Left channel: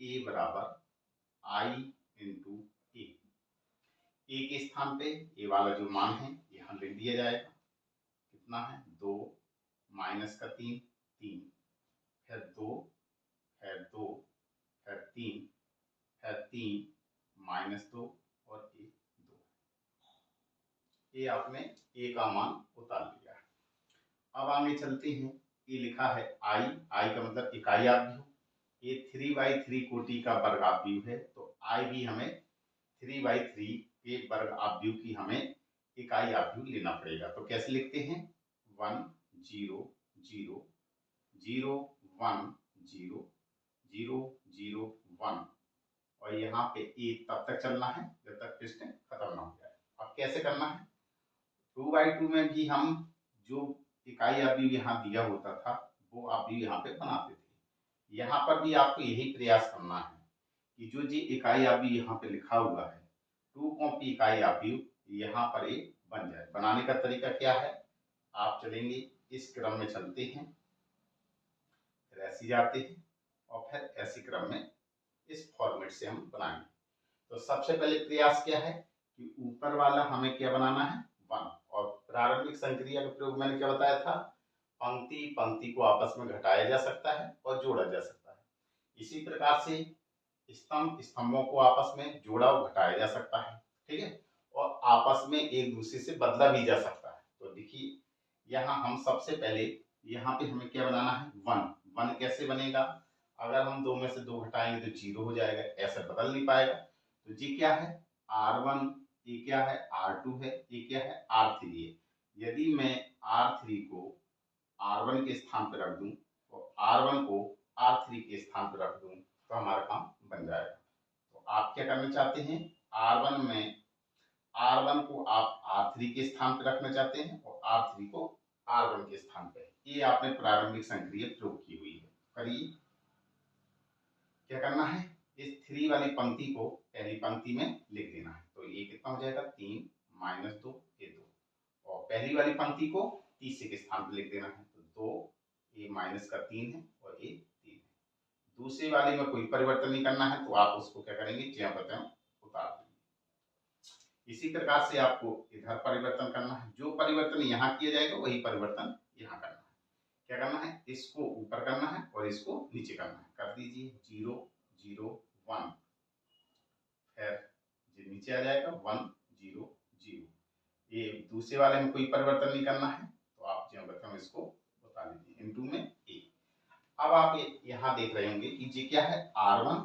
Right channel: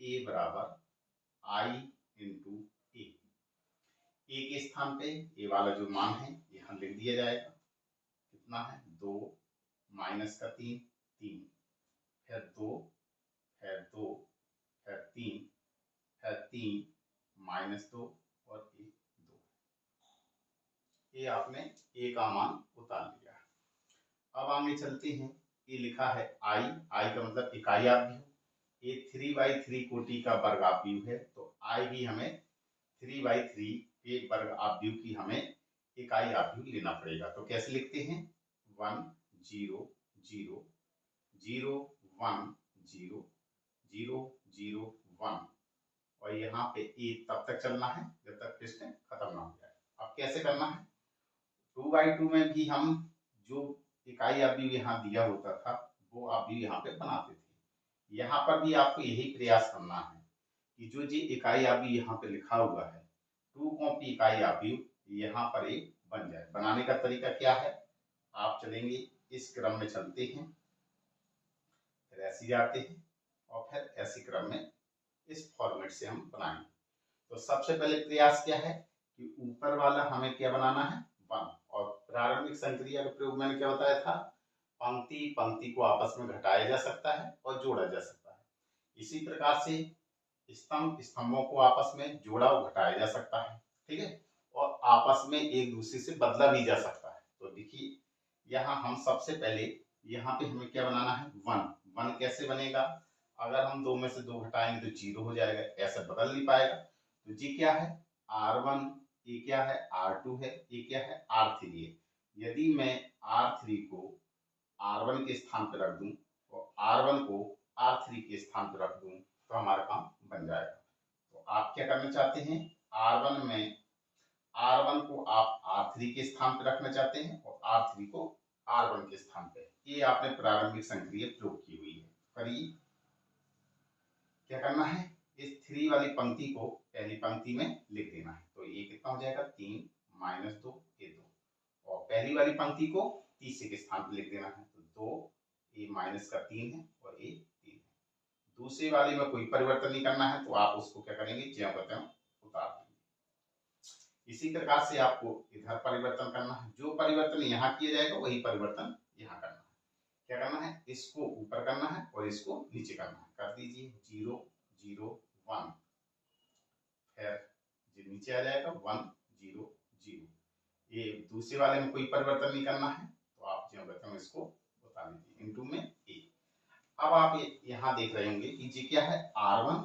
ए बराबर आई इंटू ए के स्थान पे ए वाला जो मान है यहाँ लिख दिया जाएगा। कितना है 2 माइनस का 3 3 फिर 2 फिर 2 फिर 3 फिर 3 माइनस 2 और ए 2। ये आपने ए का मान उतार लिया। अब आगे चलते हैं। ये लिखा है आई, आई का मतलब इकाई आव्यूह। ये 3/3 कोटि का वर्ग आव्यूह है, तो आई भी हमें 3/3 के वर्ग आव्यूह की हमें इकाई आव्यूह लेना पड़ेगा। तो कैसे लिखते हैं 1 0 0 0 1 0 0 0 1 और यहाँ पे ए तब तक चलना है जब तक प्रश्न खत्म ना हो जाए। अब कैसे करना है 2/2 में भी हम जो इकाई आव्यूह यहाँ दिया होता था वो आव्यूह यहाँ पे बनाते थे। यहाँ पर भी आपको यही प्रयास करना है कि जो जी इकाई आव्यूह यहाँ पे लिखा हुआ है 2 कॉपी इकाई आव्यूह यहाँ पर एक बन जाए। बनाने का तरीका क्या है, आप चलेंगे इस क्रम में चलते हैं, फिर ऐसे जाते हैं और फिर ऐसे क्रम में इस फॉर्मेट से हम बनाएंगे। तो सबसे पहले प्रयास क्या है कि ऊपर वाला हमें क्या बनाना है 1 और प्रारंभिक संक्रिया का प्रयोग मैंने क्या बताया था पंक्ति पंक्ति को आपस में घटाया जा सकता है और जोड़ा जा सकता है। इसी प्रकार से स्तंभ स्तंभों को आपस में जोड़ा और घटाया जा सकता है, ठीक है, और आपस में एक दूसरे से बदला भी जा सकता है। तो देखिए यहाँ हम सबसे पहले यहाँ पे हमें क्या बनाना है 1 कैसे बनेगा, अगर हम 2 में से 2 घटाएंगे तो 0 हो जाएगा, ऐसा बदल नहीं पाएगा। तो जी क्या है R1, ये क्या है R2 है, ये क्या है R3 है। यदि मैं R3 को R1 के स्थान पर रख दूं और R1 को R3 के स्थान पर रख दूं तो हमारा काम बन जाएगा। तो आप क्या करना चाहते हैं R1 में R1 को आप R3 के स्थान पर रखना चाहते हैं और R3 को R1 के स्थान पर। ये आपने प्रारंभिक संक्रिया प्रयोग की हुई है। करिए क्या करना है इस 3 वाली पंक्ति को पहली पंक्ति में लिख देना है। तो ये कितना हो जाएगा 3 माइनस 2 ये 2 और पहली वाली पंक्ति को तीसरे के स्थान पर लिख देना है। तो 2 ये माइनस का 3 है और ये 3 है। दूसरी वाली में कोई परिवर्तन नहीं करना है तो आप उसको क्या करेंगे ज्यों का त्यों उतार देंगे। इसी प्रकार से आपको इधर परिवर्तन करना है, जो परिवर्तन यहाँ किया जाएगा वही परिवर्तन यहाँ करना है। क्या करना है इसको ऊपर करना है और इसको नीचे करना है। कर दीजिए 0 0 1 फिर नीचे आ जाएगा 1 0 0। ये दूसरे वाले में कोई परिवर्तन नहीं करना है तो आप जो बताऊँ इसको बता दीजिए इनटू में ए। अब आप यहाँ देख रहे होंगे कि जी क्या है R1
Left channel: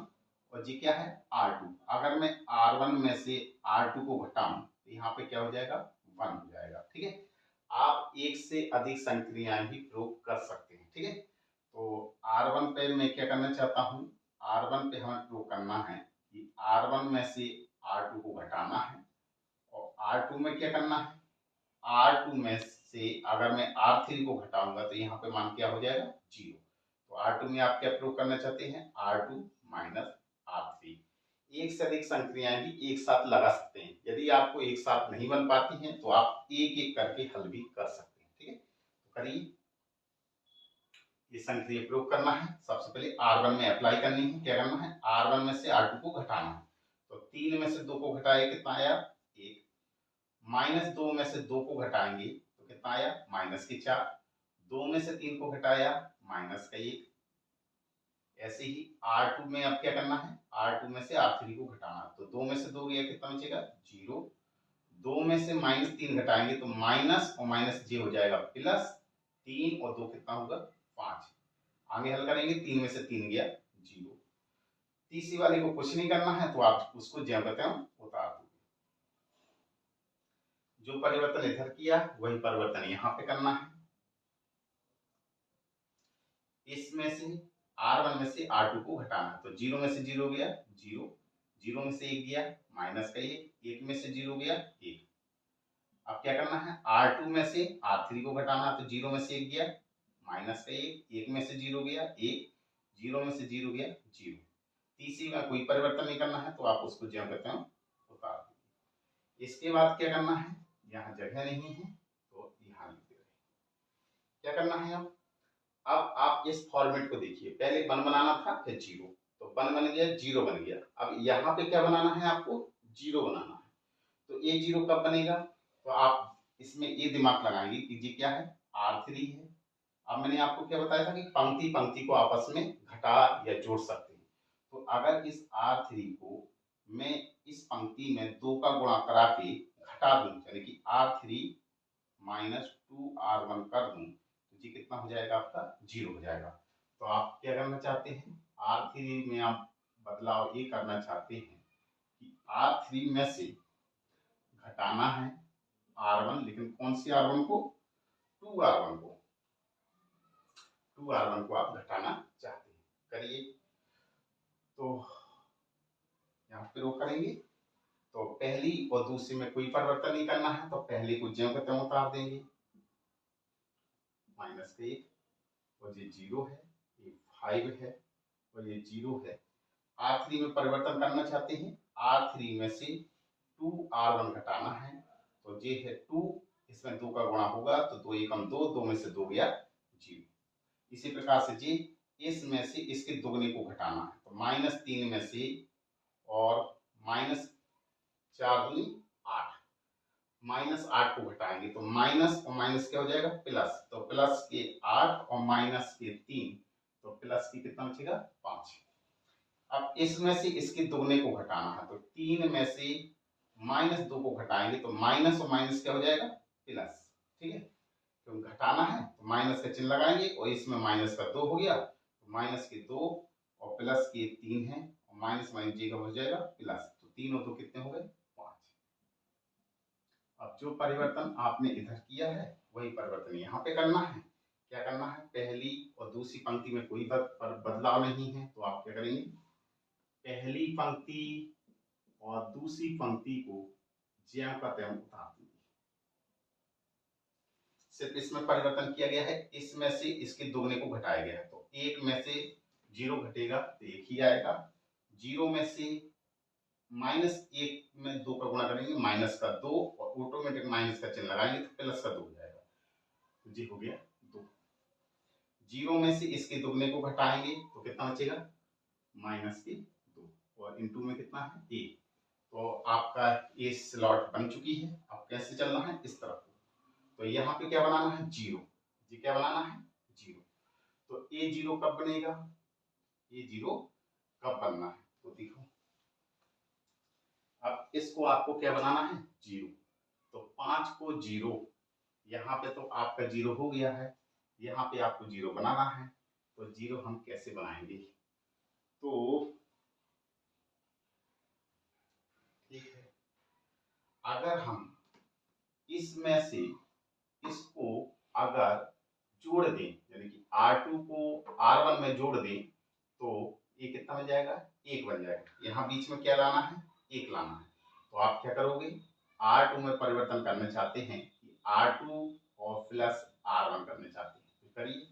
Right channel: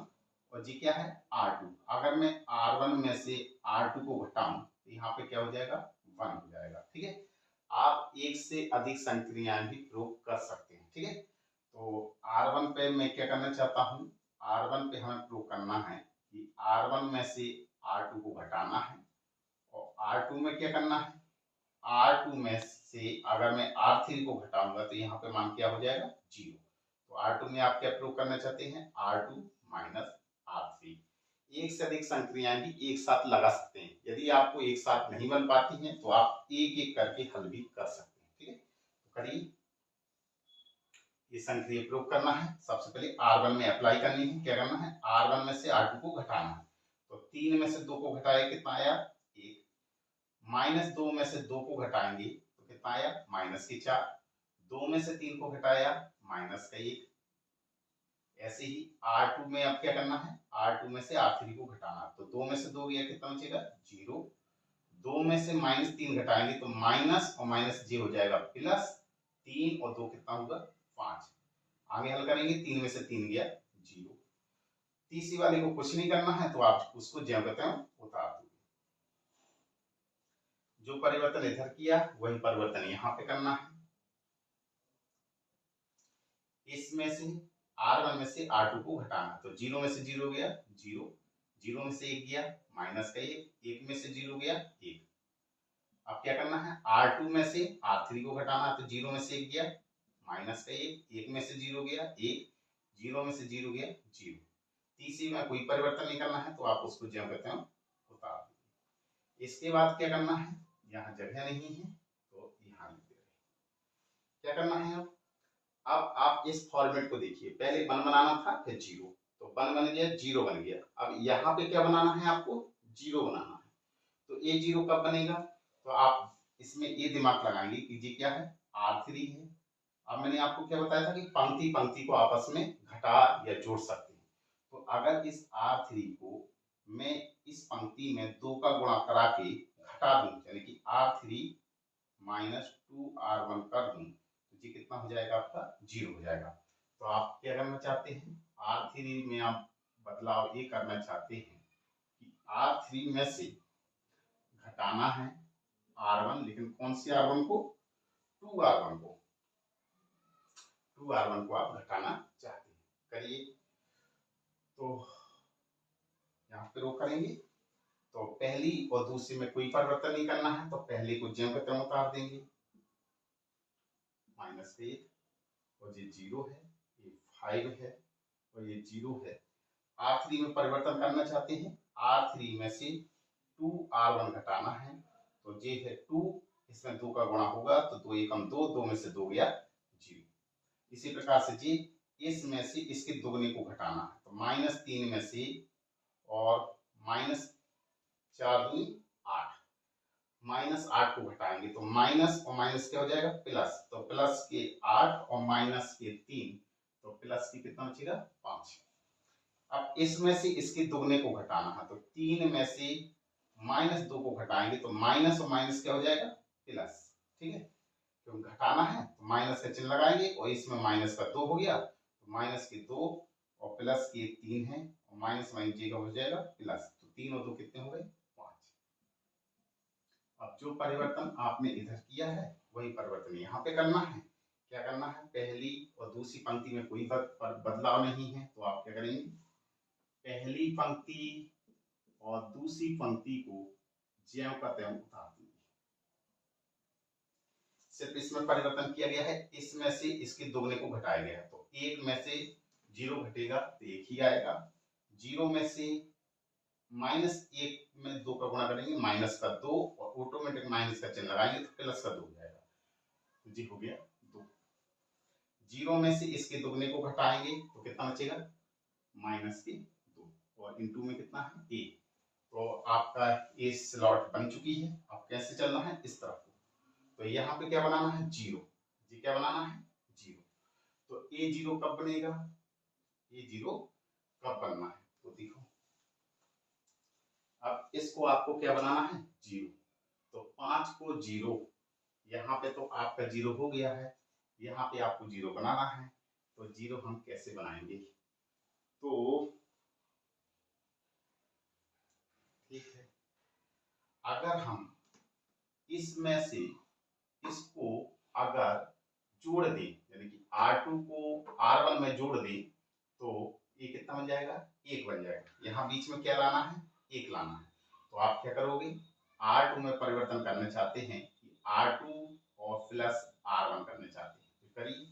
और जी क्या है R2। अगर मैं R1 में से R2 को घटाऊं तो यहाँ पे क्या हो जाएगा 1 हो जाएगा, ठीक है। आप एक से अधिक संक्रियाएं भी प्रयोग कर सकते हैं, ठीक है। तो R1 पे मैं क्या करना चाहता हूँ R1 पे हमें प्रयोग करना है कि R1 में से R2 को घटाना है और R2 में क्या करना है R2 में से अगर मैं R3 को घटाऊंगा तो यहाँ पे मान क्या हो जाएगा 0। तो R2 में आप क्या प्रयोग करना चाहते हैं R2 माइनस R3। एक से अधिक संक्रियाएं भी एक साथ लगा सकते हैं। यदि आपको एक साथ नहीं बन पाती हैं तो आप एक एक करके हल भी कर सकते हैं, ठीक है। तो करिए ये संक्रिया प्रयोग करना है। सबसे पहले R1 में अप्लाई करनी है। क्या करना है R1 में से R2 को घटाना है। तो 3 में से 2 को घटाया कितना आया 1, माइनस 2 में से 2 को घटाएंगे तो कितना आया माइनस के 4, 2 में से 3 को घटाया माइनस का 1। ऐसे ही R2 में अब क्या करना है R2 में से R3 को घटाना। तो 2 में से 2 गया कितना बचेगा 0, 2 में से -3 घटाएंगे तो माइनस और माइनस जे हो जाएगा प्लस 3 और 2 कितना होगा 5। आगे हल करेंगे 3 में से 3 गया 0। तीसरी वाली को कुछ नहीं करना है तो आप उसको ज्यों कहते हैं उतार दो। जो परिवर्तन इधर किया वही परिवर्तन यहाँ पे करना है। इसमें से R1 में से R2 को घटाना है। तो 0 में से 0 गया 0, 0 में से 1 गया माइनस का 1, 1 में से 0 गया 1। अब क्या करना है R2 में से R3 को घटाना है। तो 0 में से 1 गया माइनस का 1, 1 में से 0 गया 1, 0 में से 0 गया 0। तीसरी में कोई परिवर्तन नहीं करना है तो आप उसको ज्यों कहते हैं उतार दीजिए। इसके बाद क्या करना है यहाँ जगह नहीं है तो यहाँ लिख दे रहे। क्या करना है अब आप इस फॉर्मेट को देखिए, पहले 1 बनाना था फिर 0। तो तो 1 बन गया, 0 बन गया। अब यहाँ पे क्या बनाना है आपको, 0 बनाना है। तो ये 0 कब बनेगा, तो आप इसमें ये दिमाग लगाएंगे कि ये क्या है, R3 है। अब मैंने आपको क्या बताया था कि पंक्ति पंक्ति को आपस में घटा या जोड़ सकते हैं। तो अगर इस R3 को मैं इस पंक्ति में 2 का गुणा करा के घटा दूं, यानी कि R3 माइनस 2R1 कर दूं, तो ये कितना हो जाएगा आपका, 0 हो जाएगा। तो आप क्या करना चाहते हैं, R3 में आप बदलाव ये करना चाहते हैं कि R3 में से घटाना है R1, लेकिन कौन सी R1 को, 2R1 को, 2R1 को आप घटाना चाहते हैं। करिए, तो यहाँ पे रो करेंगे। तो पहली और दूसरी में कोई परिवर्तन नहीं करना है, तो पहले को ज्यों का त्यों उतार देंगे, -1, और ये 0 है, ये 5 है और ये 0 है। R3 में परिवर्तन करना चाहते हैं, R3 में से 2R1 घटाना है, तो ये है 2, इसमें 2 का गुणा होगा तो 2 एकम 2, 2 में से 2 गया 0। इसी प्रकार से जी इसमें से इसके दुगने को घटाना है, तो -3 में से और -4 दूनी 8, -8 को घटाएंगे तो माइनस और माइनस क्या हो जाएगा, प्लस। तो प्लस के 8 और माइनस के 3, तो प्लस की कितना बचेगा, 5। अब इसमें से इसके दुगने को घटाना है, तो 3 में से -2 को घटाएंगे तो माइनस और माइनस क्या हो जाएगा, प्लस। ठीक है, तो घटाना है तो माइनस का चिन्ह लगाएंगे और इसमें माइनस का 2 हो गया, तो माइनस के 2 और प्लस के 3 है और माइनस माइनस जी का हो जाएगा प्लस, तो 3 और 2 कितने हो गए, 5। अब जो परिवर्तन आपने इधर किया है वही परिवर्तन यहाँ पे करना है। क्या करना है, पहली और दूसरी पंक्ति में कोई बदलाव नहीं है, तो आप क्या करेंगे, पहली पंक्ति और दूसरी पंक्ति को ज्यों का त्यों उतार देंगे। सिर्फ इसमें परिवर्तन किया गया है, इसमें से इसके दुगने को घटाया गया है, तो 1 में से 0 घटेगा तो 1 ही आएगा। 0 में से -1 में 2 का गुणा करेंगे, माइनस का 2 और ऑटोमेटिक माइनस का चिन्ह लगाएंगे तो प्लस का 2 हो जाएगा, तो जी हो गया 2। 0 में से इसके दुगने को घटाएंगे तो कितना बचेगा, -2, और इनटू में कितना है, 1। तो आपका ये स्लॉट बन चुकी है। अब कैसे चलना है, इस तरफ। तो यहाँ पे क्या बनाना है, 0। जी क्या बनाना है, 0। तो ये 0 कब बनेगा, ये 0 कब बनना है, तो देखो अब इसको आपको क्या बनाना है, 0। तो 5 को 0, यहाँ पे तो आपका 0 हो गया है, यहाँ पे आपको 0 बनाना है। तो 0 हम कैसे बनाएंगे, तो ठीक है, अगर हम इसमें से इसको अगर जोड़ दें, यानी कि R2 को R1 में जोड़ दें, तो ये कितना बन जाएगा, 1 बन जाएगा। यहाँ बीच में क्या लाना है, 1 लाना है। तो आप क्या करोगे, R2 में परिवर्तन करना चाहते हैं कि R2 और प्लस R1 करना चाहते हैं, तो करिए।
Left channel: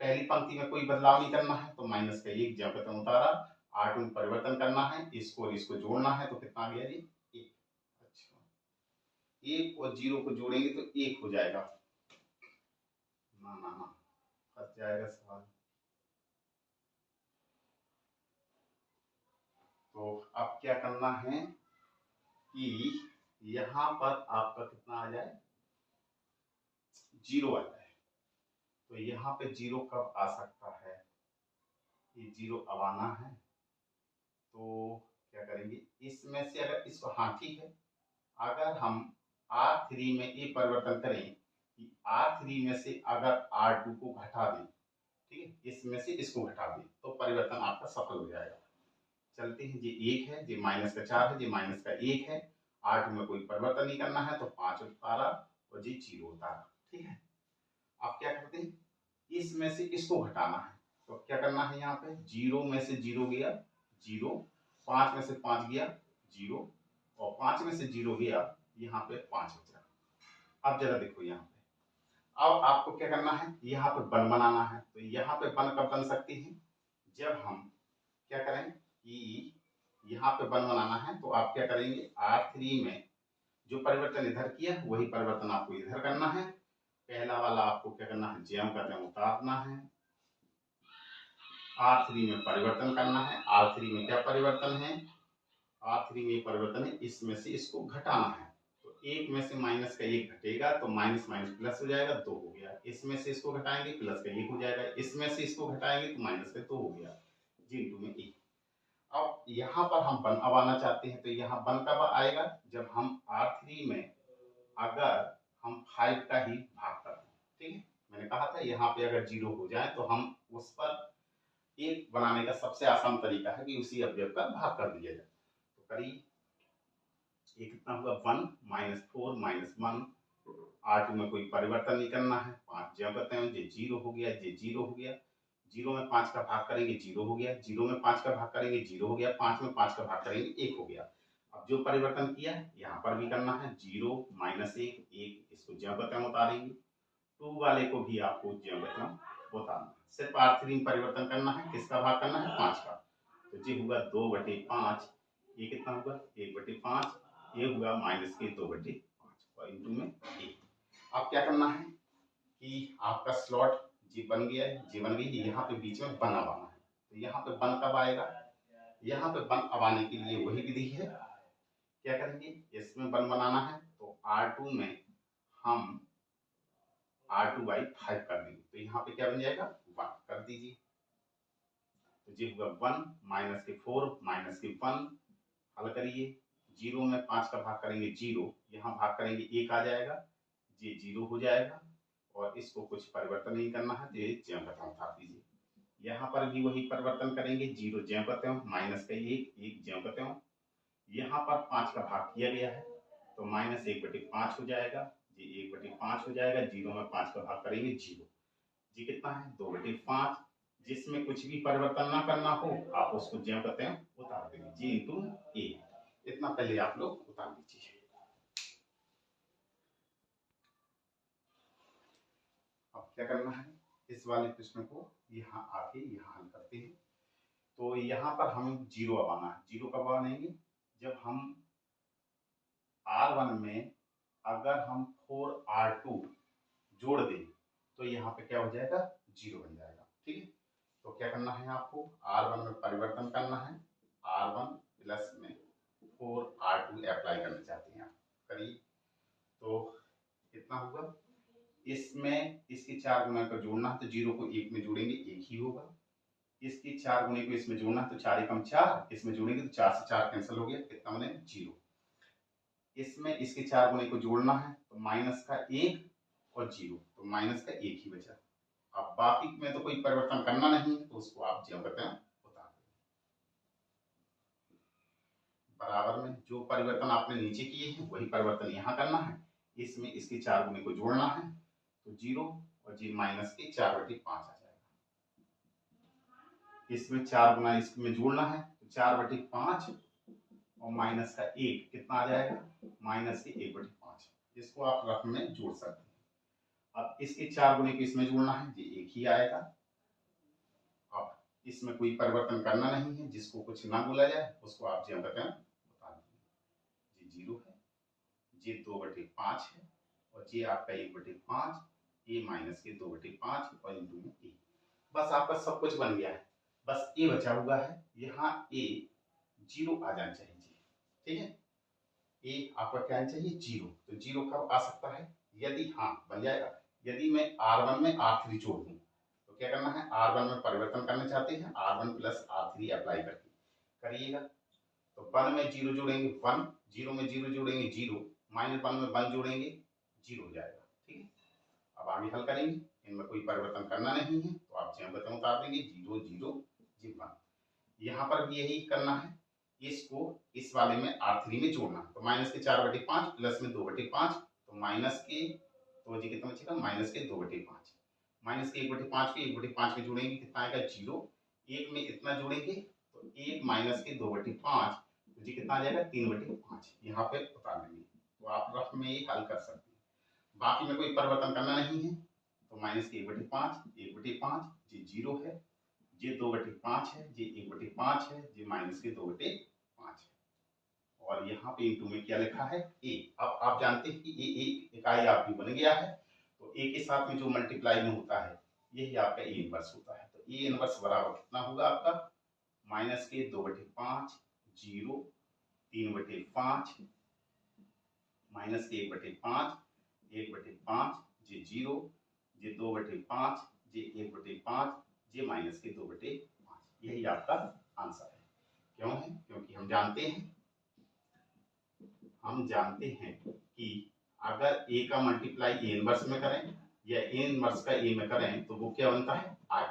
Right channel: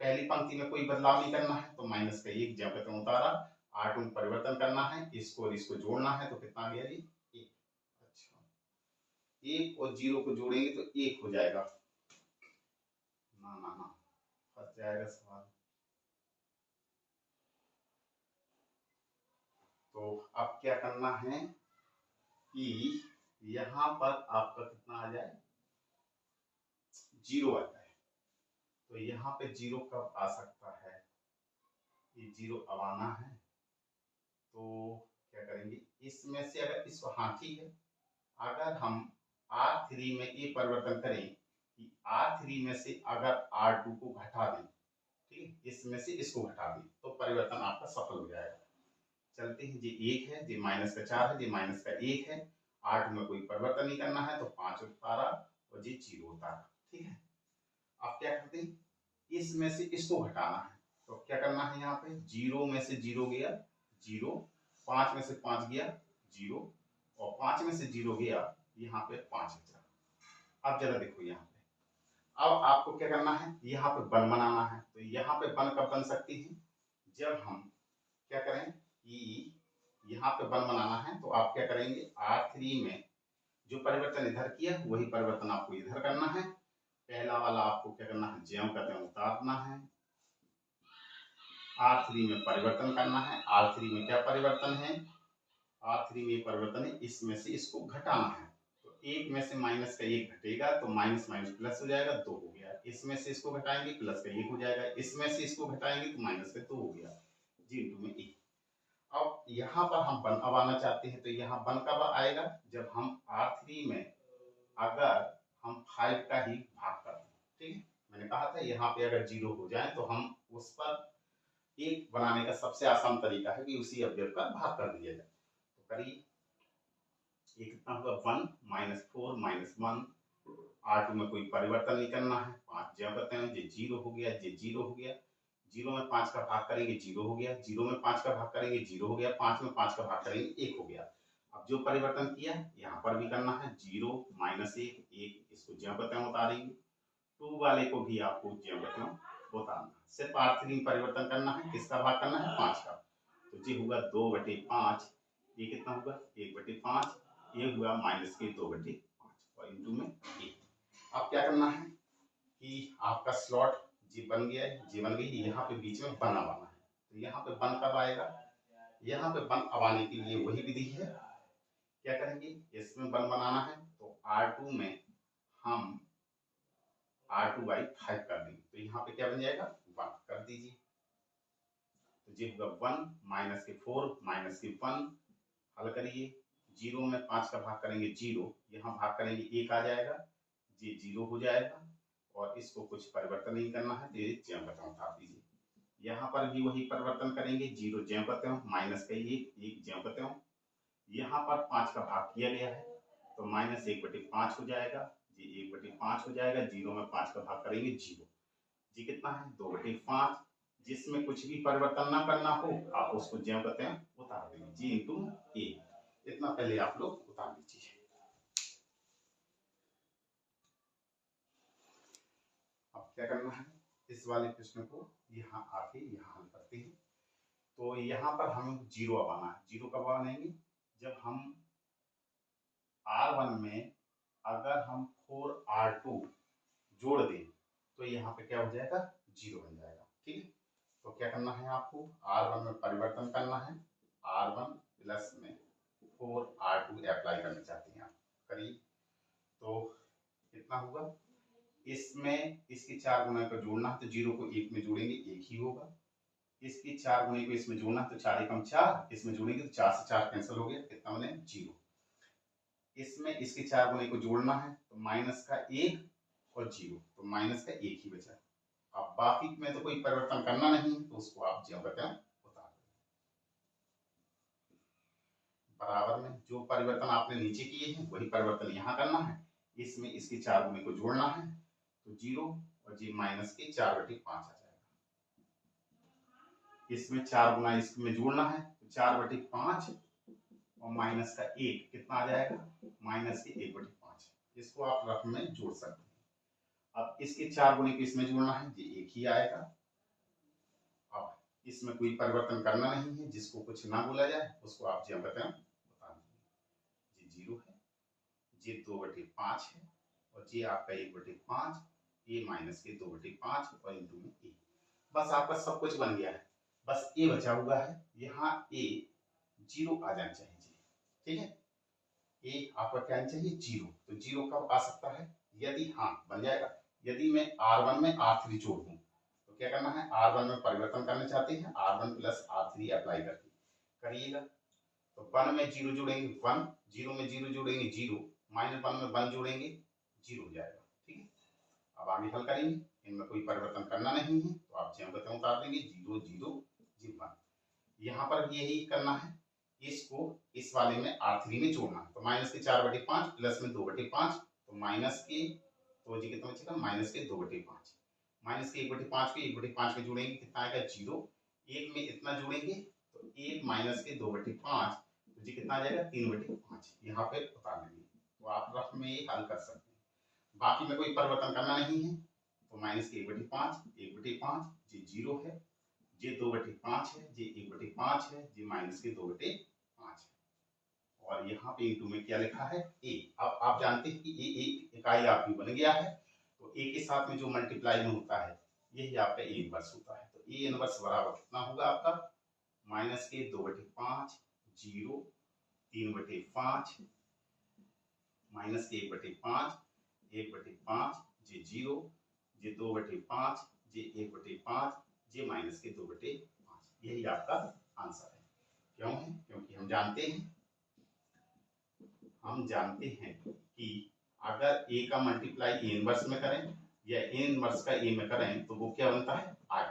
पहली पंक्ति में कोई बदलाव नहीं करना है, तो माइनस का 1 ज्यों का त्यों उतारा। R2 में परिवर्तन करना है, इसको और इसको जोड़ना है, तो कितना आ गया जी, 1। अच्छा, 1 और 0 को जोड़ेंगे तो 1 हो जाएगा, ना ना ना, फंस जाएगा सवाल। तो अब क्या करना है कि यहाँ पर आपका कितना आ जाए, 0 आ जाए। तो यहाँ पे 0 कब आ सकता है, ये 0 अब आना है। तो क्या करेंगे, इसमें से अगर इसको, हाँ ठीक है, अगर हम R3 में ये परिवर्तन करें कि R3 में से अगर R2 को घटा दें, ठीक है, इसमें से इसको घटा दें, तो परिवर्तन आपका सफल हो जाएगा। चलते हैं, ये 1 है, ये -4 है, ये -1 है। 8 में कोई परिवर्तन नहीं करना है, तो 5 उतारा और ये 0 उतारा। ठीक है, आप क्या करते हैं, इसमें से इसको घटाना है, तो क्या करना है, यहाँ पे 0 में से 0 गया 0, 5 में से 5 गया 0 और 5 में से 0 गया, यहाँ पे 5 बचा। अब जरा देखो यहाँ पे, अब आपको क्या करना है, यहाँ पे बन बनाना है। तो यहाँ पे बन कब बन सकती है, जब हम क्या करें कि यहाँ पे बन बनाना है, तो आप क्या करेंगे, R3 में जो परिवर्तन इधर किया वही परिवर्तन आपको इधर करना है। पहला वाला आपको क्या करना है, ज्यों का त्यों उतारना है। R3 में परिवर्तन करना है। R3 में क्या परिवर्तन है? R3 में परिवर्तन है, इसमें से इसको घटाना है। तो एक में से माइनस का एक घटेगा तो माइनस माइनस प्लस हो जाएगा, 2 हो गया। इसमें से इसको घटाएंगे प्लस का एक हो जाएगा, इसमें से इसको घटाएंगे तो माइनस का 2 हो गया, जी इंटू में एक। अब यहाँ पर हम वन अब आना चाहते हैं, तो यहाँ वन कब आएगा? जब हम R3 में अगर हम 5 का ही भाग कर दें। ठीक है, मैंने कहा था यहाँ पे अगर 0 हो जाए तो हम उस पर एक बनाने का सबसे आसान तरीका है कि उसी अवयव का भाग कर दिया जाए। तो करिए, ये कितना हुआ? 1 माइनस 4 माइनस 1। R2 में कोई परिवर्तन नहीं करना है, 5 ज्यों करते हैं, ये 0 हो गया, ये 0 हो गया। 0 में 5 का भाग करेंगे 0 हो गया, 0 में 5 का भाग करेंगे 0 हो गया, 5 में 5 का भाग करेंगे 1 हो गया। अब जो परिवर्तन किया यहाँ पर भी करना है, 0 माइनस 1, 1 इसको ज्यों करते हैं उतारेंगे, 2 वाले को भी आपको ज्यों करते हैं उतारना। सिर्फ R3 में परिवर्तन करना है, किसका भाग करना है? 5 का। तो ये हुआ 2/5, ये कितना होगा? 1/5, ये हुआ माइनस के 2/5 और इंटू में 1। अब क्या करना है कि आपका स्लॉट जी बन गया है, जी बन गई, यहाँ पे बीच में बन अब आना है। तो यहाँ पे बन कब आएगा? यहाँ पे बन अब आने के लिए वही विधि है, क्या करेंगे? इसमें बन बनाना है तो R2 में हम R2/5 कर देंगे, तो यहाँ पे क्या बन जाएगा? 1 कर दीजिए। तो ये होगा 1 माइनस के 4 माइनस के 1, हल करिए। 0 में 5 का भाग करेंगे 0, यहाँ भाग करेंगे 1 आ जाएगा, ये 0 हो जाएगा और इसको कुछ परिवर्तन नहीं करना है, तो ये ज्यों करते हैं उतार दीजिए। यहाँ पर भी वही परिवर्तन करेंगे, 0 ज्यों करते हो, माइनस का 1 ज्यों करते हो। यहाँ पर 5 का भाग किया गया है तो माइनस 1/5 हो जाएगा, ये 1/5 हो जाएगा। 0 में 5 का भाग करेंगे 0, जी कितना है? 2/5। जिसमें कुछ भी परिवर्तन ना करना हो आप उसको ज्यों करते हैं उतार देंगे, जी इंटू ए। इतना पहले आप लोग उतार दीजिए। अब क्या करना है? इस वाले प्रश्न को यहाँ आके यहाँ हल करते हैं। तो यहाँ पर हमें 0 अब आना है। 0 कब आनेंगे? जब हम R1 में अगर हम 4R2 जोड़ दें तो यहाँ पे क्या हो जाएगा? 0 बन जाएगा। ठीक है, तो क्या करना है आपको? R1 में परिवर्तन करना है, R1 प्लस में 4R2 अप्लाई करना चाहते हैं आप, करिए। तो कितना होगा? इसमें इसकी 4 गुना को जोड़ना है तो 0 को 1 में जोड़ेंगे 1 ही होगा। इसकी 4 गुने को इसमें जोड़ना है तो 4 एकम 4, इसमें जोड़ेंगे तो 4 से 4 कैंसिल हो गया, कितना बने? 0। इसमें इसके 4 गुने को जोड़ना है तो माइनस का 1 और 0, तो माइनस का 1 ही बचा। अब बाकी में तो कोई परिवर्तन करना नहीं है तो उसको आप ज्यों करते हैं उतार दें। बराबर में जो परिवर्तन आपने नीचे किए हैं वही परिवर्तन यहाँ करना है। इसमें इसके 4 गुने को जोड़ना है तो 0 और जी माइनस के 4/5 आ जाएगा। इसमें 4 गुना इसमें जोड़ना है तो 4/5 और माइनस का 1 कितना आ जाएगा? माइनस के 1/5। इसको आप रफ में जोड़ सकते हैं। अब इसके 4 गुने को इसमें जोड़ना है, ये 1 ही आएगा। अब इसमें कोई परिवर्तन करना नहीं है, जिसको कुछ ना बोला जाए उसको आप ज्यों करते हैं बता दीजिए। ये 0 है, ये 2/5 है और ये आपका 1/5, ये माइनस के 2/5 और इंटू में 1। बस आपका सब कुछ बन गया है, बस ए बचा हुआ है। यहाँ ए 0 आ जाना चाहिए। ठीक है, ए आपका क्या आना चाहिए? 0। तो 0 कब आ सकता है? यदि हाँ बन जाएगा, यदि मैं R1 में R3 जोड़ दूं तो क्या करना है? R1 में परिवर्तन करना चाहते हैं, R1 प्लस R3 अप्लाई करके करिएगा। तो 1 में 0 जोड़ेंगे 1, 0 में 0 जोड़ेंगे 0, माइनस 1 में 1 जोड़ेंगे 0 हो जाएगा। ठीक है, अब आगे हल करेंगे, इनमें कोई परिवर्तन करना नहीं है तो आप ज्यों बताऊं उतार देंगे, 0 0 1। यहाँ पर भी यही करना है, इसको इस वाले में R3 में जोड़ना है तो माइनस के 4/5 प्लस में 2/5, तो माइनस के तो जी कितना बचेगा? माइनस के 2/5। माइनस के 1/5 को 1/5 में जोड़ेंगे कितना आएगा? 0। 1 में इतना जोड़ेंगे तो 1 माइनस के 2/5, तो जी कितना आ जाएगा? 3/5। यहाँ पे उतार लेंगे तो आप रफ में ये हल कर सकते हैं। बाकी में कोई परिवर्तन करना नहीं है तो माइनस के 1/5, 1/5 ये 0 है, ये 2/5 है, ये 1/5 है, ये माइनस के 2/5 है। और यहाँ पे इंटू में क्या लिखा है? ए। अब आप जानते हैं कि ए एक इकाई आपकी बन गया है, तो ए के साथ में जो मल्टीप्लाई में होता है यही आपका ए इनवर्स होता है। तो ए इनवर्स बराबर कितना होगा आपका माइनस के 2/5 0 3/5 माइनस के 1/5 1/5 जे 0 जे 2/5 जे 1/5 जे माइनस के 2/5। यही आपका आंसर है। क्यों है? क्योंकि हम जानते हैं कि अगर a का मल्टीप्लाई a इनवर्स में करें या a इनवर्स का a में करें तो वो क्या बनता है i।